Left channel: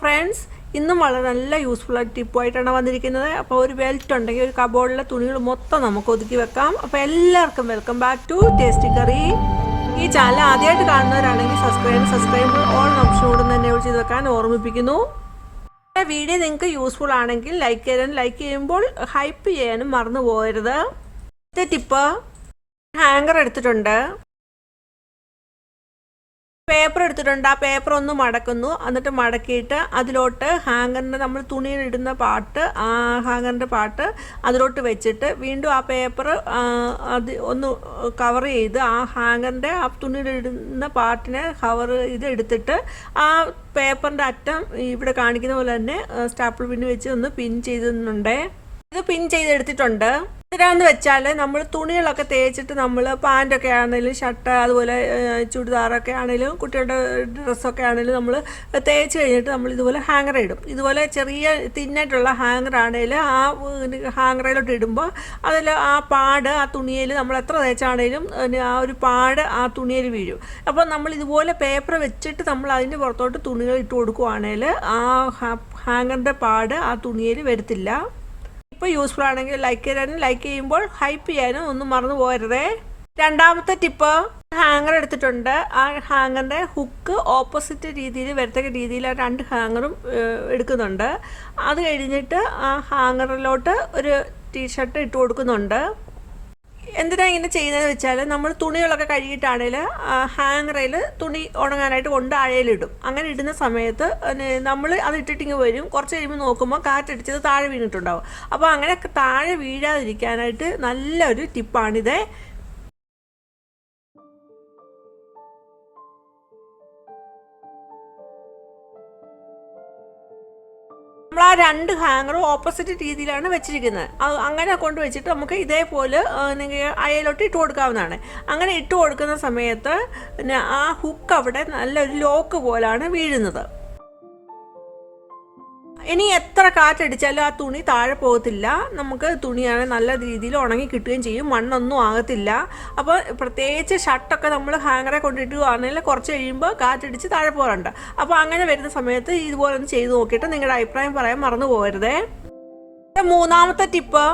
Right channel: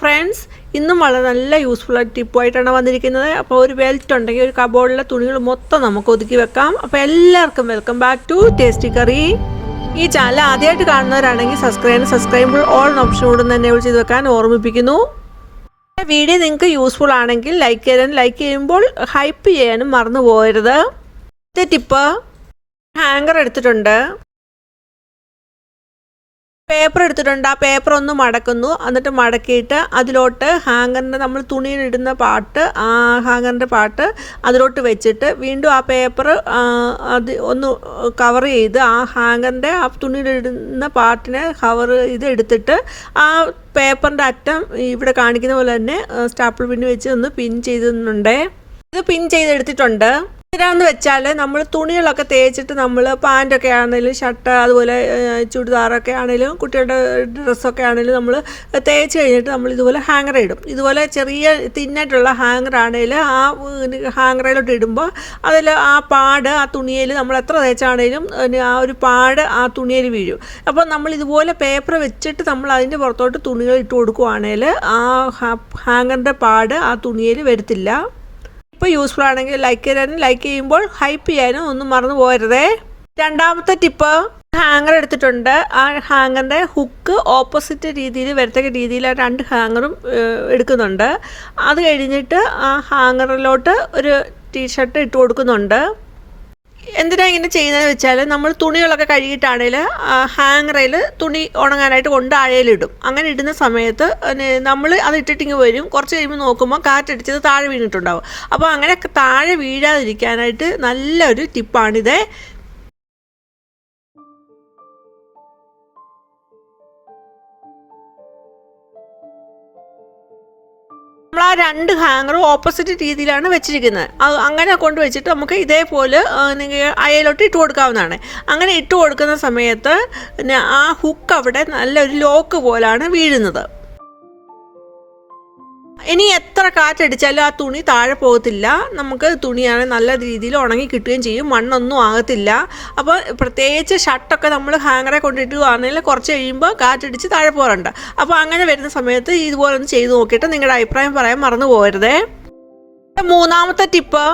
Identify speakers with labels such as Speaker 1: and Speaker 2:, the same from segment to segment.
Speaker 1: Friends ഇന്നും വളരെ നല്ല യൂസ്ഫുൾ ആയിട്ട് ടിപ്പുമായിട്ടാണ് വന്നിരിക്കുന്നത്. അപ്പോൾ ഒരു വെൽറ്റ് ഉണ്ടെങ്കിൽ ഒരു കബോർഡിലെ തുണികൾ മൊത്തം നമുക്ക് ഒതുക്കി വെക്കാം. അപ്പോൾ എല്ലാവർക്കും welcome back to tasty curry ഈ ചാനൽ ആദ്യമായിട്ട് കാണുന്നവരാണെങ്കിൽ സബ്സ്ക്രൈബ് സബ്സ്ക്രൈബ് ഓൾ ഓപ്ഷൻ കൂടെ തന്നെ ചെയ്ത് വെക്കാൻ ഓർമ്മിപ്പിക്കുന്നു. വീഡിയോ നിങ്ങൾക്ക് യൂസ്ഫുൾ ആണെങ്കിൽ ലൈക്ക് ചെയ്യാൻ ലൈക്ക് ചെയ്യുമ്പോൾ ഹൈപ്പ് ചെയ്യാനും മറന്നു പോകരുത് ടിപ്പ് ഹാങ്കർ എടുത്തിട്ടുണ്ട്. പേപ്പർ എടുത്തിട്ടുണ്ട്. ആ പേപ്പർ ഒന്ന് മടക്കുന്നു. എന്നിട്ട് മടക്കിയിട്ട് അതിലോട്ട് ഹാങ്ങറിന്റെ നമ്മൾ തുണിയിലിടുന്ന പാട്ട് ആ ഹാങ്ങറിന്റെ പാട്ട് അതിലോട്ട് വെച്ചിട്ട് വീണ്ടും ആ പേപ്പർ അത് ഒന്ന് കവർ ചെയ്ത് ആ ഹാങ്ങറിന്റെ ആ തുണിയിലിടുന്ന പാട്ടിനെ കവർ ചെയ്ത് എടുത്തിട്ട് ആ പേപ്പറിന്റെ അറ്റം ഇവിടെ കാണിക്കുന്ന പോലെ തന്നെ സ്റ്റാപ്പിൾ പിന്ന് വെച്ച് ഒന്ന് പിൻ ചെയ്തിട്ടുണ്ടേ. ഇത് പിൻ ചെയ്തെടുത്തിട്ടുണ്ട്. എന്തിനാന്ന് വെച്ചാൽ നമ്മൾ തുണികളൊക്കെ തേച്ചിട്ട് നമ്മൾ പാന്റൊക്കെ ആണെങ്കിലും ഷർട്ട് അതുപോലെ ചുരിദാറൊക്കെ ആണെങ്കിലും കുട്ടികളുടെ ഡ്രസ്സൊക്കെ ആണെങ്കിലും നമ്മൾ തേച്ച് കഴിഞ്ഞിട്ട് നമ്മൾ ഇതുപോലെ ഹാങ്ങർ ഇടും. ഇതുപോലെ ചെറിയ തിന്നായിട്ടുള്ള ഹാങ്ങർ ആണെങ്കിൽ ആ ഹാങ്ങറിലോട്ട് ഇടുമ്പോൾ അതിൽ ആ പാട് ആ തുണിയിൽ നമ്മൾ എത്ര തേച്ചാണെങ്കിലും ആ ഒരു പാട് ആ തുണിയിൽ വീഴും. അപ്പോൾ നമ്മൾ ഇതുപോലെ പേപ്പർ വെച്ചിട്ട് നമ്മൾ അതിന്റെ പുറത്തോട്ട് തുണികൾ ഇട്ട് കൊടുക്കുവാണെങ്കിൽ ആ ഹാങ്ങറിന്റെ പാട് ആ തുണിയിൽ വരത്തില്ല. ഇപ്പോൾ യൂസ്ഫുൾ ആണെങ്കിൽ ലൈക്ക് ചെയ്യാനും ലൈക്ക് ചെയ്യുമ്പോൾ ഹൈപ്പ് ചെയ്യാനും ഒന്നും മറന്നു പോകരുതേ. രണ്ടാമത്തെ ടിപ്പ് ഹാങ്ങർ എടുത്തിട്ടുണ്ട്. ആ ഹാങ്ങറിന്റെ ഹുക്ക് ഓപ്പോസിറ്റ് രീതിയിൽ വരത്തക്ക രീതിയിൽ ആ രണ്ട് ഹാങ്ങറും എടുക്കുന്നുണ്ട്. അത് കഴിഞ്ഞിട്ട് ആ ഹാങ്ങറിലോട്ട് ഒരു ടീഷർട്ട് ഇട്ട് കൊടുക്കുന്നുണ്ട്. എന്തിനാണ് ഇങ്ങനെ ചെയ്യുന്നതെന്ന് വെച്ചാൽ നമ്മൾ തുണികളൊക്കെ കഴുകിയിട്ടാണെങ്കിൽ ഹാങ്ങറിൽ തുണി ഉണങ്ങാനായിട്ട് കൊണ്ട് അഴയിലിടും. അങ്ങനെ ഇടുന്ന സമയത്ത് നമ്മൾ അത് ഇട്ടിട്ടിങ്ങ് വരും. കുറച്ച് കഴിയുമ്പോൾ നോക്കുമ്പോൾ കാറ്റടിച്ചത് താഴെ വീണിട്ടുണ്ടാവും. അപ്പോൾ അങ്ങനെ താഴെ വീഴാതിരിക്കാനായിട്ട് നല്ലൊരു ടിപ്പാണിത് നമ്മൾ ആ രണ്ട് ഹാങ്ങറും ഓപ്പോസിറ്റ് രീതിയിലാണ് വെച്ചിരിക്കുന്നത്. അങ്ങനെ കൊണ്ട് വെച്ചിട്ട് നമുക്ക് ഇതേപോലെ നിങ്ങൾ അയലോട്ട് ഇട്ട് കൊടുക്കാവുന്നതാണ്. അങ്ങനെ ഇട്ട് കൊടുക്കുന്ന സമയത്ത് ആ ഹുക്ക് അവിടെ നല്ലൊരു ലോക്ക് പോലാണ് വീഴുന്നത്. ഇനി എത്ര കാറ്റടിച്ചാലും ആ തുണി താഴെ പോകത്തില്ല. നമുക്ക് തുണിയാണ് നല്ല രീതിയിൽ ഉണങ്ങി കിട്ടുകയും ചെയ്യും. മണ്ണൊന്നും ആകത്തില്ല. അപ്പോൾ പ്രത്യേകിച്ച് ഷർട്ടൊക്കെ നമ്മൾ ഹാങ്ങറെ കൊണ്ടിട്ടുകയാണെങ്കിൽ കുറച്ച് കഴിയുമ്പോൾ കാറ്റടിച്ച് താഴെ പോകാറുണ്ട്. അപ്പോൾ അങ്ങനെ വരുന്ന സമയത്ത് ഇതുപോലെ ഒന്ന് ചെയ്ത് നോക്കിയിട്ട് നിങ്ങളുടെ അഭിപ്രായം പറയാൻ മറന്നു പോകരുതേ. മൂന്നാമത്തെ ടിപ്പ്.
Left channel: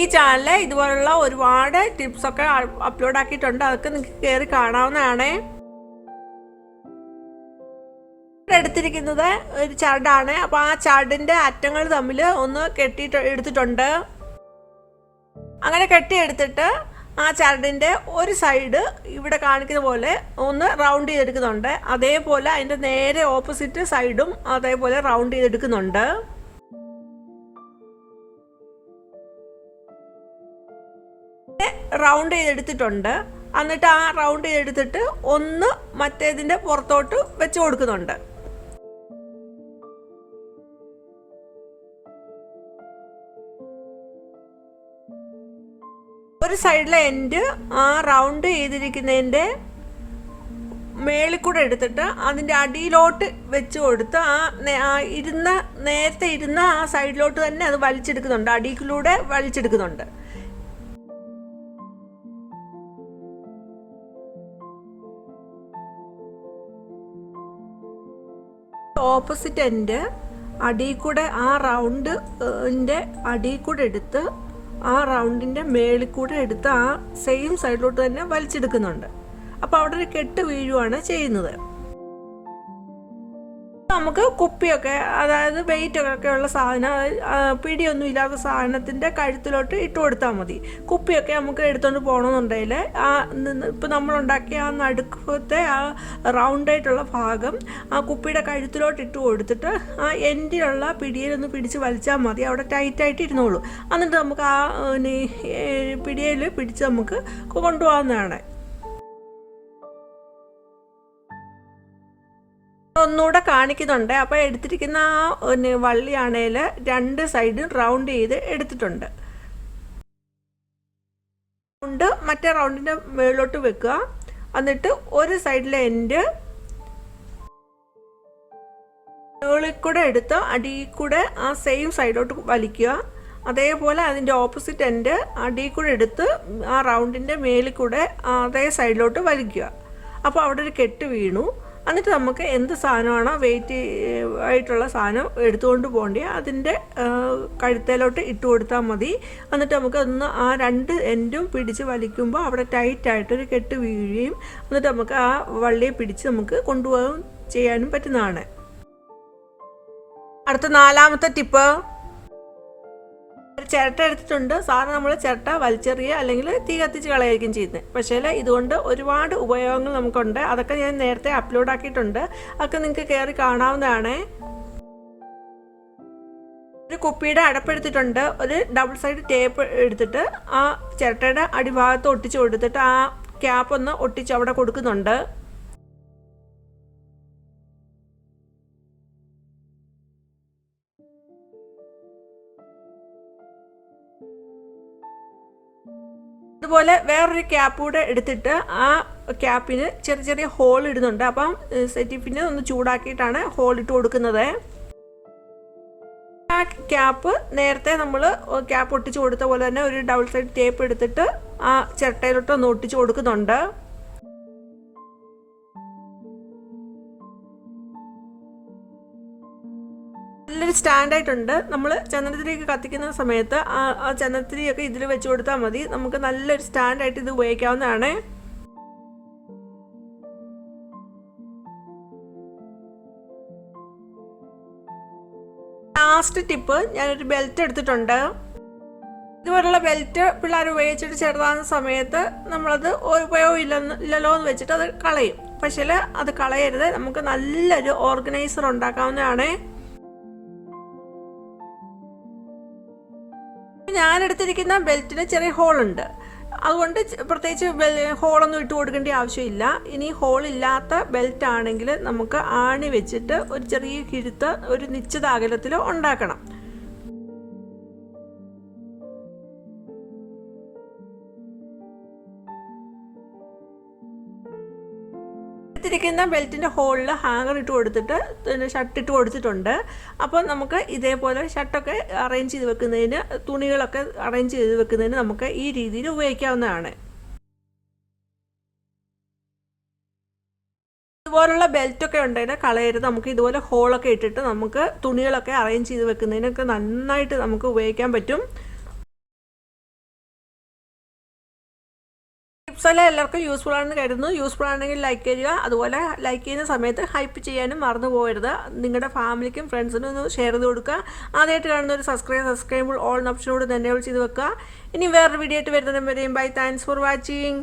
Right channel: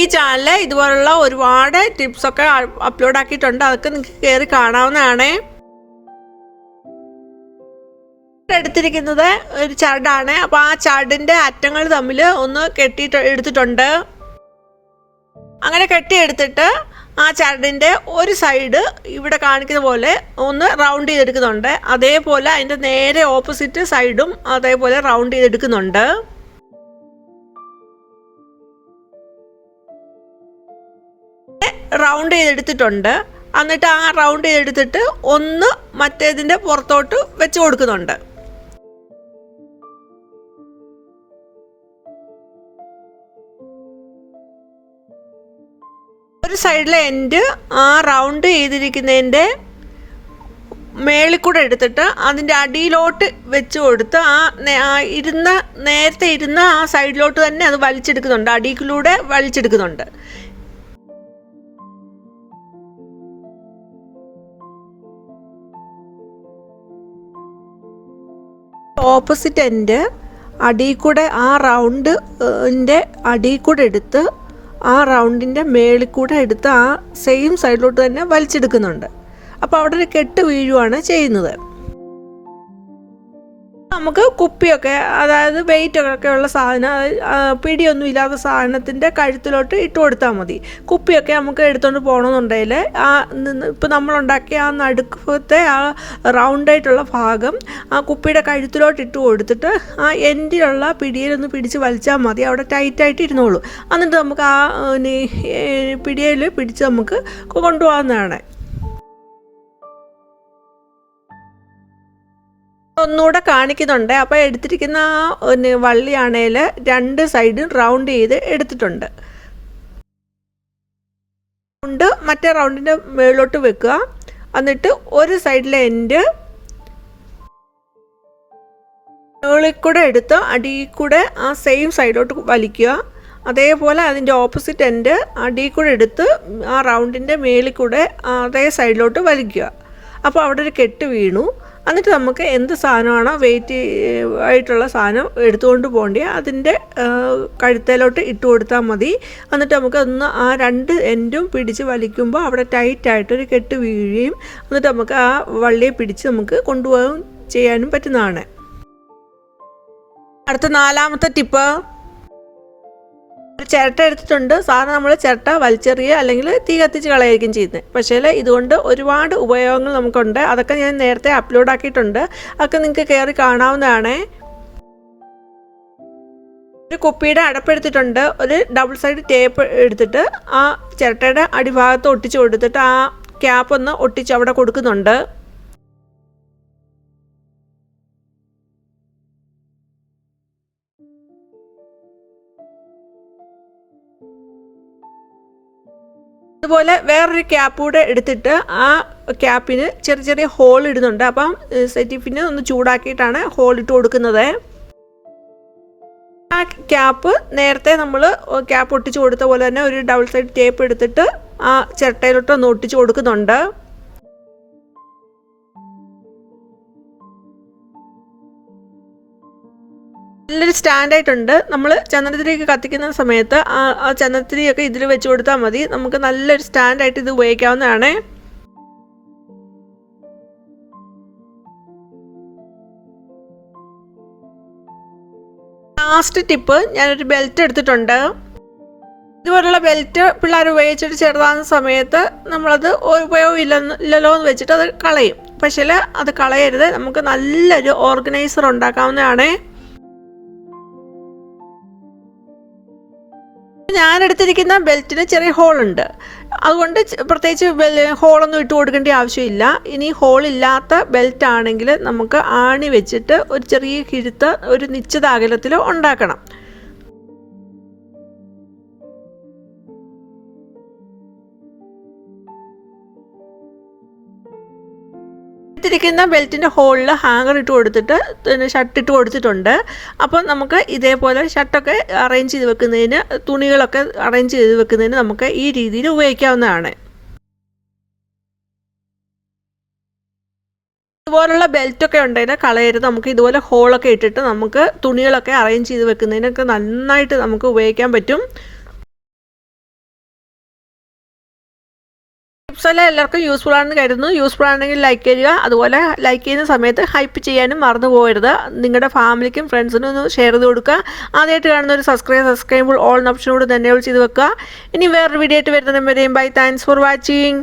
Speaker 1: ഈ ചാനലിൽ ഇതുപോലുള്ള ഒരുപാട് ടിപ്സൊക്കെ അപ്ലോഡ് ആക്കിയിട്ടുണ്ട്. അതൊക്കെ നിങ്ങൾക്ക് കയറി കാണാവുന്നതാണേ. എടുത്തിരിക്കുന്നത് ഒരു ചാടാണ് അപ്പോൾ ആ ചാടിന്റെ അറ്റങ്ങൾ തമ്മിൽ ഒന്ന് കെട്ടി എടുത്തിട്ടുണ്ട്. അങ്ങനെ കെട്ടിയെടുത്തിട്ട് ആ ചരടിന്റെ ഒരു സൈഡ് ഇവിടെ കാണിക്കുന്ന പോലെ ഒന്ന് റൗണ്ട് ചെയ്തെടുക്കുന്നുണ്ട്. അതേപോലെ അതിന്റെ നേരെ ഓപ്പോസിറ്റ് സൈഡും അതേപോലെ റൗണ്ട് ചെയ്തെടുക്കുന്നുണ്ട്. റൗണ്ട് ചെയ്തെടുത്തിട്ടുണ്ട്. എന്നിട്ട് ആ റൗണ്ട് ചെയ്തെടുത്തിട്ട് ഒന്ന് മറ്റേതിന്റെ പുറത്തോട്ട് വെച്ച് കൊടുക്കുന്നുണ്ട്. സൈഡിലെ എൻഡ് ആ റൗണ്ട് ചെയ്തിരിക്കുന്നതിന്റെ മേളിൽ കൂടെ എടുത്തിട്ട് അതിന്റെ അടിയിലോട്ട് വെച്ച് കൊടുത്ത് ആ ഇരുന്ന നേരത്തെ ഇരുന്ന ആ സൈഡിലോട്ട് തന്നെ അത് വലിച്ചെടുക്കുന്നുണ്ട്. അടിയിലൂടെ വലിച്ചെടുക്കുന്നുണ്ട്. ഓപ്പോസിറ്റ് എന്റെ അടിയിൽ കൂടെ ആ റൗണ്ട് എന്റെ അടിയിൽ കൂടെ എടുത്ത് ആ റൗണ്ടിന്റെ മേളിൽ കൂടെ എടുത്ത് ആ സെയിം സൈഡിലോട്ട് തന്നെ വലിച്ചെടുക്കുന്നുണ്ട്. അപ്പോൾ അവിടെ ഒരു കെട്ട് വീഴുവാണ് ചെയ്യുന്നത്. നമുക്ക് കുപ്പിയൊക്കെ അതായത് വെയിറ്റ് ഒക്കെ ഉള്ള സാധനം പിടിയൊന്നും ഇല്ലാത്ത സാധനത്തിന്റെ കഴുത്തിലോട്ട് ഇട്ട് കൊടുത്താൽ മതി. കുപ്പിയൊക്കെ നമുക്ക് എടുത്തുകൊണ്ട് പോകണമെന്നുണ്ടെങ്കിൽ ആ ഇപ്പം നമ്മളുണ്ടാക്കിയ ആ നടുക്കത്തെ ആ റൗണ്ടായിട്ടുള്ള ഭാഗം ആ കുപ്പിയുടെ കഴുത്തിലോട്ട് ഇട്ട് കൊടുത്തിട്ട് ആ എൻഡിലുള്ള പിടിയിലൊന്ന് പിടിച്ച് വലിച്ചാൽ മതി. അവിടെ ടൈറ്റായിട്ട് ഇരുന്നോളൂ. എന്നിട്ട് നമുക്ക് ആ പിടിയിൽ പിടിച്ച് നമുക്ക് കൊണ്ടുപോകാവുന്നതാണ്. ഒന്നുകൂടെ കാണിക്കുന്നുണ്ട്. അപ്പോൾ എടുത്തിരിക്കുന്ന ആ വള്ളിയാണേൽ രണ്ട് സൈഡും റൗണ്ട് ചെയ്ത് എടുത്തിട്ടുണ്ട്. റൗണ്ട് മറ്റേ റൗണ്ടിന്റെ മുകളിലോട്ട് വെക്കുക. എന്നിട്ട് ഒരു സൈഡിലെ എൻഡ് മുകളിൽ കൂടെ എടുത്ത് അടിയിൽ കൂടെ ആ സെയിം സൈഡിലോട്ട് വലിക്കുക. അതേപോലെ അതിന്റെ ഓപ്പോസിറ്റ് എൻഡ് അടിയിൽ കൂടെ എടുത്ത് ആ റൗണ്ടിന്റെ മേളിൽ കൂടെ അതേ സൈഡിലോട്ട് വലിക്കുക. അപ്പോൾ അവിടെ ഒരു കെട്ട് വീണു. എന്നിട്ട് നമുക്ക് എന്ത് സാധനമാണോ വെയിറ്റ് ആയിട്ടുള്ള സാധനം എടുത്തുകൊണ്ട് പോകേണ്ടി അതിന്റെ കഴുത്തേലോട്ട് ഇട്ട് കൊടുത്താൽ മതി. എന്നിട്ട് നമുക്ക് ഒന്ന് ആ രണ്ട് എൻഡും പിടിച്ച് വലിക്കുമ്പോൾ അവിടെ ടൈറ്റായിട്ടൊരു കെട്ട് വീഴുകയും എന്നിട്ട് നമുക്ക് ആ വള്ളിയെ പിടിച്ച് നമുക്ക് കൊണ്ടുപോകാൻ ചെയ്യാനും പറ്റുന്നതാണ്. അടുത്ത നാലാമത്തെ ടിപ്പ് ഒരു ചിരട്ട എടുത്തിട്ടുണ്ട്. സാധാരണ നമ്മൾ ചിരട്ട വലിച്ചെറിയുക അല്ലെങ്കിൽ തീ കത്തിച്ച് കളയായിരിക്കും ചെയ്യുന്നത്. പക്ഷേ ഇതുകൊണ്ട് ഒരുപാട് ഉപയോഗങ്ങൾ നമുക്കുണ്ട്. അതൊക്കെ ഞാൻ നേരത്തെ അപ്ലോഡ് ആക്കിയിട്ടുണ്ട്. അതൊക്കെ നിങ്ങൾക്ക് കയറി കാണാവുന്നതാണ്. ഒരു കുപ്പിയുടെ അടപ്പെടുത്തിട്ടുണ്ട് ഒരു ഡബിൾ സൈഡ് ടേപ്പ് എടുത്തിട്ട് ആ ചിരട്ടയുടെ അടിഭാഗത്ത് ഒട്ടിച്ച് കൊടുത്തിട്ട് ആ ക്യാപ്പ് ഒന്ന് ഒട്ടിച്ച് അവിടെ കൊടുക്കുന്നുണ്ട്. അതുപോലെ വേറൊരു ക്യാപ്പ് കൂടെ എടുത്തിട്ട് ആ ക്യാപ്പിന് ചെറിയ ചെറിയ ഹോൾ ഇടുന്നുണ്ട്. അപ്പം സെറ്റിഫിന് ഒന്ന് ചൂടാക്കിയിട്ടാണ് ഹോൾ ഇട്ട് കൊടുക്കുന്നത്. ആ ക്യാപ്പ് നേരത്തെ നമ്മൾ ക്യാപ്പ് ഒട്ടിച്ച് കൊടുത്ത പോലെ തന്നെ ഒരു ഡബിൾ സൈഡ് ടേപ്പ് എടുത്തിട്ട് ആ ചിരട്ടയിലോട്ട് ഒന്ന് ഒട്ടിച്ച് കൊടുക്കുന്നുണ്ട്. നല്ലൊരു സ്റ്റാൻഡായിട്ടുണ്ട്. നമ്മൾ ചന്ദനത്തിരിയൊക്കെ കത്തിക്കുന്ന സമയത്ത് ആ ചന്ദനത്തിരിയൊക്കെ ഇതിൽ വെച്ച് കൊടുത്താൽ മതി. നമുക്ക് നല്ലൊരു സ്റ്റാൻഡായിട്ട് ഇത് ഉപയോഗിക്കാവുന്നതാണ്. ലാസ്റ്റ് ടിപ്പ് ഞാനൊരു ബെൽറ്റ് എടുത്തിട്ടുണ്ട്. ഇതുപോലുള്ള ബെൽറ്റ് പിള്ളേർ ഉപയോഗിച്ചിട്ട് ചെറുതാകുന്ന സമയത്ത് നമ്മളത് ഉപയോഗം ഇല്ലെന്ന് ഇല്ലല്ലോ എന്ന് വെച്ചിട്ട് അത് കളയും. പക്ഷേ അത് കളയരുത്. നമുക്ക് നല്ലൊരു ഓർഗനൈസർ ഉണ്ടാക്കാവുന്നതാണ്. ഞാൻ എടുത്തിരിക്കുന്ന ബെൽറ്റിന് ചെറിയ ഹോളുണ്ട്. അതുകൊണ്ട് പ്രത്യേകിച്ച് ഹോളൊന്നും ഇട്ട് കൊടുക്കേണ്ട ആവശ്യമില്ല. ഇനി ഹോളില്ലാത്ത ബെൽറ്റ് ആണെങ്കിൽ നമുക്ക് ആണി വെച്ചിട്ട് ഒരു ചെറിയ കിഴുത്ത് ഒരു നിശ്ചിത അകലത്തിൽ ഉണ്ടാക്കണം. എടുത്തിരിക്കുന്ന ബെൽറ്റിന്റെ ഹോളിൽ ഹാങ്ങർ ഇട്ട് കൊടുത്തിട്ട് പിന്നെ ഷർട്ട് ഇട്ട് കൊടുത്തിട്ടുണ്ട്. അപ്പോൾ നമുക്ക് ഇതേപോലെ ഷർട്ടൊക്കെ അറേഞ്ച് ചെയ്ത് വെക്കുന്നതിന് തുണികളൊക്കെ അറേഞ്ച് ചെയ്ത് വെക്കുന്നതിന് നമുക്ക് ഈ രീതിയിൽ ഉപയോഗിക്കാവുന്നതാണ്. ഇതുപോലുള്ള ബെൽറ്റൊക്കെ ഉണ്ടെങ്കിൽ കളയരുത്. നമുക്ക് ഇതുപോലെ ഹോളൊക്കെ ഇട്ടിട്ട് നമുക്ക് തുണികളൊക്കെ അറേഞ്ച് ചെയ്ത് വെക്കുന്നതിനൊക്കെ നന്നായിട്ട് നമുക്ക് ഉപയോഗിക്കാൻ പറ്റും. ടിപ്സ് എല്ലാം എല്ലാവർക്കും യൂസ്ഫുൾ ആണെന്ന് കരുതുന്നു. യൂസ്ഫുൾ ആണെങ്കിൽ ലൈക്ക് ചെയ്യുക. അതുപോലെ ലൈക്ക് ചെയ്യുന്ന സമയത്ത് ഹൈപ്പ് ചെയ്യാനും മറന്നു പോകരുത്. നിങ്ങളുടെ ഫാമിലിക്കും ഫ്രണ്ട്സിനും ഒന്ന് ഷെയർ ചെയ്ത് കൊടുക്കുക. ആദ്യമായിട്ട് കാണുന്ന ഒരു സബ്സ്ക്രൈബ് സബ്സ്ക്രൈബ് ഓൾ ഓപ്ഷനോട് തന്നെ ചെയ്ത് വെക്കുക. ഇനി വേറൊരു വീഡിയോ ആയിട്ട് വരുന്നതും വരെയും. Bye thanks for watching